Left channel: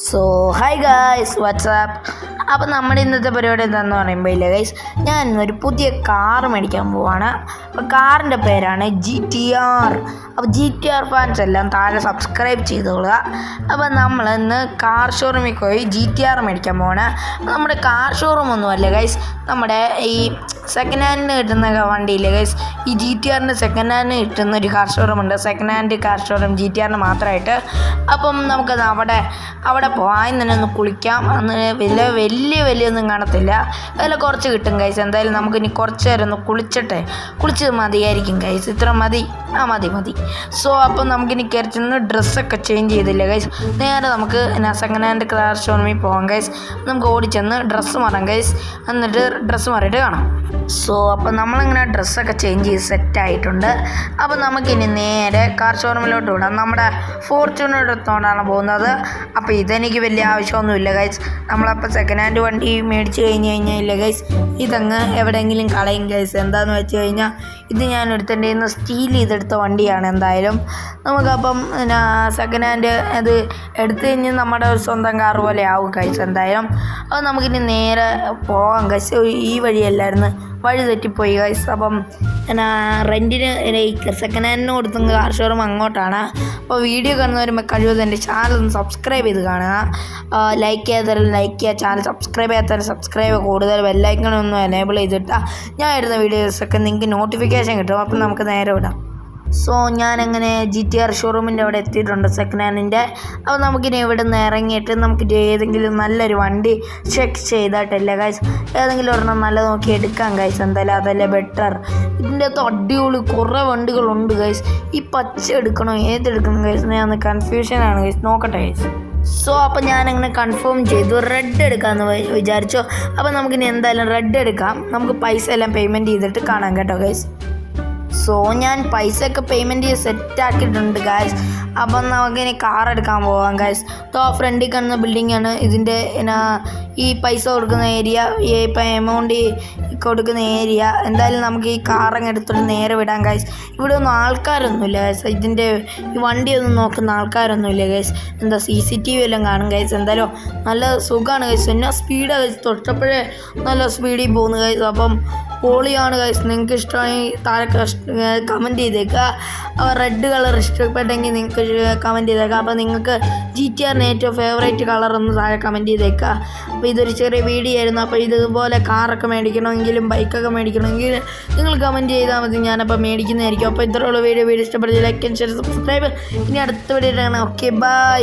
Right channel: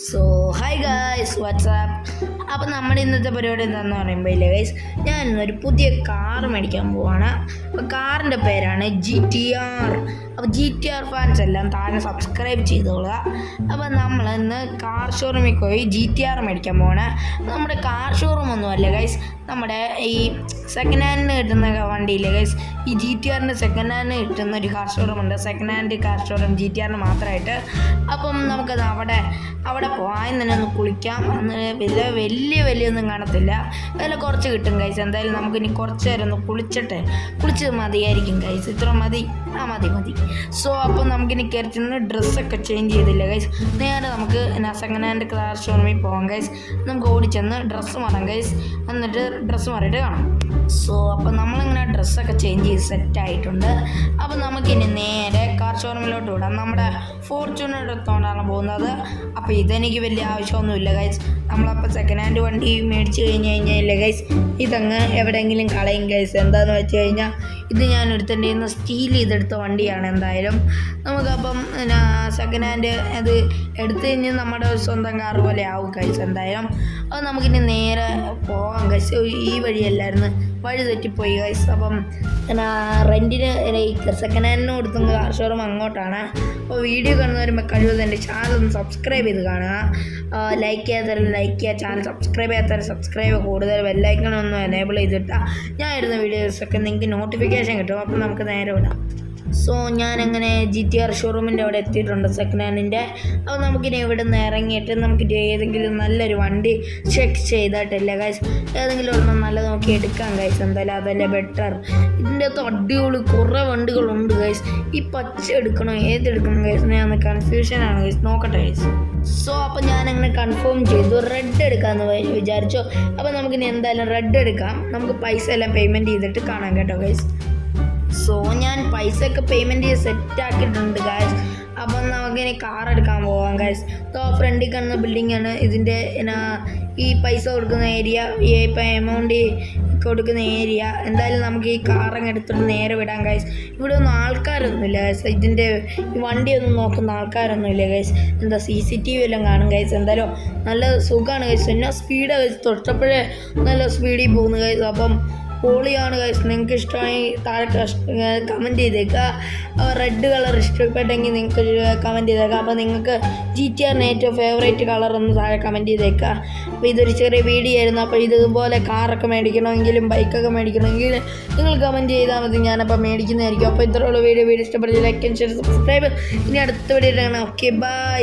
So hi guys WhatsApp അപ്പോൾ നമ്മുടെ ഇന്നത്തെ പരിപാടി എന്താണെന്ന് പറയുമ്പോൾ ഇല്ല ഗൈസ് ഞാൻ ഇന്നൊരു പുതിയ കാർ മേടിക്കാൻ പോവാണ്. അപ്പോൾ കാറിന്റെ പേരാണ് ജി ടി ആർ അപ്പോൾ ജി ടി ആർ ഫാൻസ് എല്ലാം താഴെ സബ്സ്ക്രൈബ് ചെയ്തോളുക. അപ്പോൾ നമ്മൾ ഇന്ന് കാർ ഷോറൂമിൽ പോയി ജി ടി ആർ മേടിക്കാൻ പോവാണ്. നമ്മുടെ കാർ ഷോറൂം ഒന്നുമല്ല ഗൈസ് നമ്മുടെ ഈ സെക്കൻഡ് ഹാൻഡിന് കിട്ടുന്ന വണ്ടിയില്ലേ ഗൈസ് ഈ ജി ടി ആറിന്റെ സെക്കൻഡ് ഹാൻഡിന് കിട്ടുന്ന ഒരു കാർ ഷോറൂം ഉണ്ട്. Second hand car showroom G T ആറിന് മാത്രമായിട്ട് അപ്പം നമുക്കത് അവിടെ അവിടെ പോകാൻ തന്നെ ഒന്ന് കുളിക്കാം. അന്ന് വലിയ വലിയ ഒന്നും കാണത്തില്ല. അതിൽ കുറച്ച് കിട്ടും ഗൈസ് എന്തായാലും നമുക്ക് ഇനി കുറച്ച് നേരം ഒന്ന് കുളിച്ചിട്ട് കുളിച്ചത് മതിയായിരിക്കും ഗൈസ് ഇത്ര മതി. ആ മതി മതി. സോ അപ്പം നമുക്കിനി കയറി ചെന്ന് ഡ്രസ്സൊക്കെ ചേഞ്ച് ചെയ്തില്ല ഗൈസ് നേരെ നമുക്ക് സെക്കൻഡ് ഹാൻഡ് കാർ ഷോറൂമിൽ പോകാം ഗൈസ് നമുക്ക് ഓടിച്ചെന്ന് ഡ്രസ്സ് മാറാം ഗൈസ് എന്നിട്ട് ഡ്രസ്സ് മാറിയിട്ട് കാണാം. സോ അപ്പം നമ്മളിങ്ങനെ ഡ്രസ്സൊക്കെ ചേഞ്ച് ചെയ്ത് സെറ്റ് ആയിട്ടുണ്ട്. അപ്പം നമുക്കിനി നേരെ കാർ ഷോറൂമിലോട്ട് വിടാം. നമ്മുടെ ഫോർച്യൂണർ എടുത്തുകൊണ്ടാണ് പോകുന്നത്. അപ്പോൾ ഇതെനിക്ക് വലിയ ആവശ്യമൊന്നുമില്ല ഗൈസ് നമ്മളപ്പോൾ സെക്കൻഡ് ഹാൻഡ് വണ്ടി മേടിച്ച് കഴിഞ്ഞ് കഴിഞ്ഞാൽ ഗൈസ് ഇതങ്ങ് എവിടെയെങ്കിലും കളയും ഗൈസ് എന്താണെന്ന് വെച്ച് കഴിഞ്ഞാൽ ഇത് ഞാൻ എടുത്തിന്റെ നിന്ന് സ്റ്റീൽ ചെയ്തെടുത്ത വണ്ടിയാണ് എന്തായാലും. നമുക്കപ്പം പിന്നെ സെക്കൻഡ് ഹാൻഡ് അത് എടുത്തു കഴിഞ്ഞ് നമ്മുടെ സ്വന്തം കാർ പോലെ ആവും ഗൈസ് എന്തായാലും. അത് നമുക്കിനി നേരെ പോകാം കഴിച്ച് ഈ വഴിയല്ലായിരുന്നു. വഴി തെറ്റിപ്പോയി ഗൈസ് അപ്പം പിന്നെ റെന്റിന് സെക്കൻഡ് ഹാൻഡിന് കൊടുത്തും കാർ ഷോറൂം അങ്ങോട്ടാണ്. അപ്പോൾ വീഡിയോ കാണുന്നവരുമ്പോൾ കഴിവതും എന്റെ ചാനൽ ഒന്ന് സബ്സ്ക്രൈബ് ചെയ്ത് കാണുക. ലൈക്ക് ചെയ്യാത്തവരും ലൈക്ക് ചെയ്യുക. ചാനൽ സബ്സ്ക്രൈബ് ചെയ്യാത്തവരും സബ്സ്ക്രൈബ് കൂടുതൽ ബെല്ലൈക്കണൊന്നും എനേബിൾ ചെയ്തിട്ടാൽ ഞാൻ ഇടുന്ന വീഡിയോസൊക്കെ നിങ്ങൾക്ക് നോട്ടിഫിക്കേഷൻ കിട്ടും. അപ്പം നമുക്ക് നേരെ വിടാം. സോ ഞാനങ്ങനെ ജി ടി ആർ ഷോറൂമിന്റെ അവിടെ എത്തിയിട്ടുണ്ട് സെക്കൻഡ് ഹാൻഡിന്റെ അപ്പോൾ നമുക്കിനി ഇവിടെ നിന്ന് ഇറങ്ങിയിട്ട് നമുക്ക് ഏതെങ്കിലും നല്ലൊരു വണ്ടി ചെക്ക് ചെയ്തിട്ടില്ല ഗൈസ് ഏതെങ്കിലും ഒരെണ്ണം നല്ല നോക്കി എടുക്കാം ഗൈസ് എന്തായാലും അതല്ലേ ബെറ്റർ ഇതിന്റെ അകത്ത് അടിപൊളി കുറേ വണ്ടികളുണ്ട് ഗൈസ് ഈ പച്ച എടുക്കണോ ഏതെടുക്കണം ഗൈസ് ഞാൻ കൺഫ്യൂഷനാണ് ഗൈസ് നോക്കട്ടെ ഗൈസ് സോ അപ്പോൾ ഞാനങ്ങനെ കൺഫേം ചെയ്തു. റെഡ് എടുക്കാമെന്ന് വിചാരിച്ചു. അപ്പോൾ നമുക്കിനി എന്തായാലും റെഡ് എടുക്കാം. നമുക്ക് പൈസ എല്ലാം പേയ്മെന്റ് ചെയ്തിട്ട് കാണാം കേട്ടോ ഗൈസ് സോ ഞാൻ പൈസ ഒക്കെ പേയ്മെന്റ് ചെയ്ത് സെറ്റ് ആക്കിയിട്ടുണ്ട് ഗായ്സ് അപ്പം നമുക്ക് ഇനി കാർ എടുക്കാൻ പോവാം ഗായ്സ് തോ ഫ്രണ്ടിൽ കാണുന്ന ബിൽഡിംഗ് ആണ്. ഇതിന്റെ എന്നാ ഈ പൈസ കൊടുക്കുന്ന ഏരിയ ഇപ്പം എമൗണ്ട് കൊടുക്കുന്ന ഏരിയ എന്തായാലും നമുക്ക് ഈ കാർ അങ്ങ് എടുത്തിട്ട് നേരെ വിടാം ഗായ്സ് ഇവിടെ ഒന്നും ആൾക്കാരൊന്നുമില്ല ഗൈസ് ഇതിന്റെ ഈ വണ്ടിയൊന്നും നോക്കുന്ന ആൾക്കാരൊന്നുമില്ല ഗൈസ് എന്താ സി സി ടി വി എല്ലാം കാണും ഗൈസ് എന്തായാലും നല്ല സുഖമാണ് ഗൈസ് എന്നാ സ്പീഡാണ് ഗൈസ് തൊട്ടപ്പോഴേ നല്ല സ്പീഡിൽ പോകുന്നു ഗൈസ് അപ്പം പൊളിയാണ് ഗൈസ് നിങ്ങൾക്ക് ഇഷ്ടമാണെങ്കിൽ താഴെ കമന്റ് ചെയ്തേക്കുക റെഡ് കളർ ഇഷ്ടപ്പെട്ടെങ്കിൽ നിങ്ങൾക്ക് കമന്റ് ചെയ്തേക്കുക അപ്പോൾ നിങ്ങൾക്ക് ജി ടി ആറിന് ഏറ്റവും ഫേവറേറ്റ് കളർ ഒന്ന് താഴെ കമന്റ് ചെയ്തേക്കുക അപ്പോൾ ഇതൊരു ചെറിയ വീഡിയോ ആയിരുന്നു. അപ്പോൾ ഇതുപോലെ കാറൊക്കെ മേടിക്കണമെങ്കിലും ബൈക്കൊക്കെ മേടിക്കണമെങ്കിൽ നിങ്ങൾ കമന്റ് ചെയ്താൽ മതി. ഞാനപ്പോൾ മേടിക്കുന്നതായിരിക്കും. അപ്പോൾ ഇത്രയുള്ള വീഡിയോ വീഡിയോ ഇഷ്ടപ്പെടുത്തി ലൈക്ക് ആൻഡ് ഷെയർ സബ്സ്ക്രൈബ് ഇനി അടുത്ത വീഡിയോ ഓക്കെ ബൈ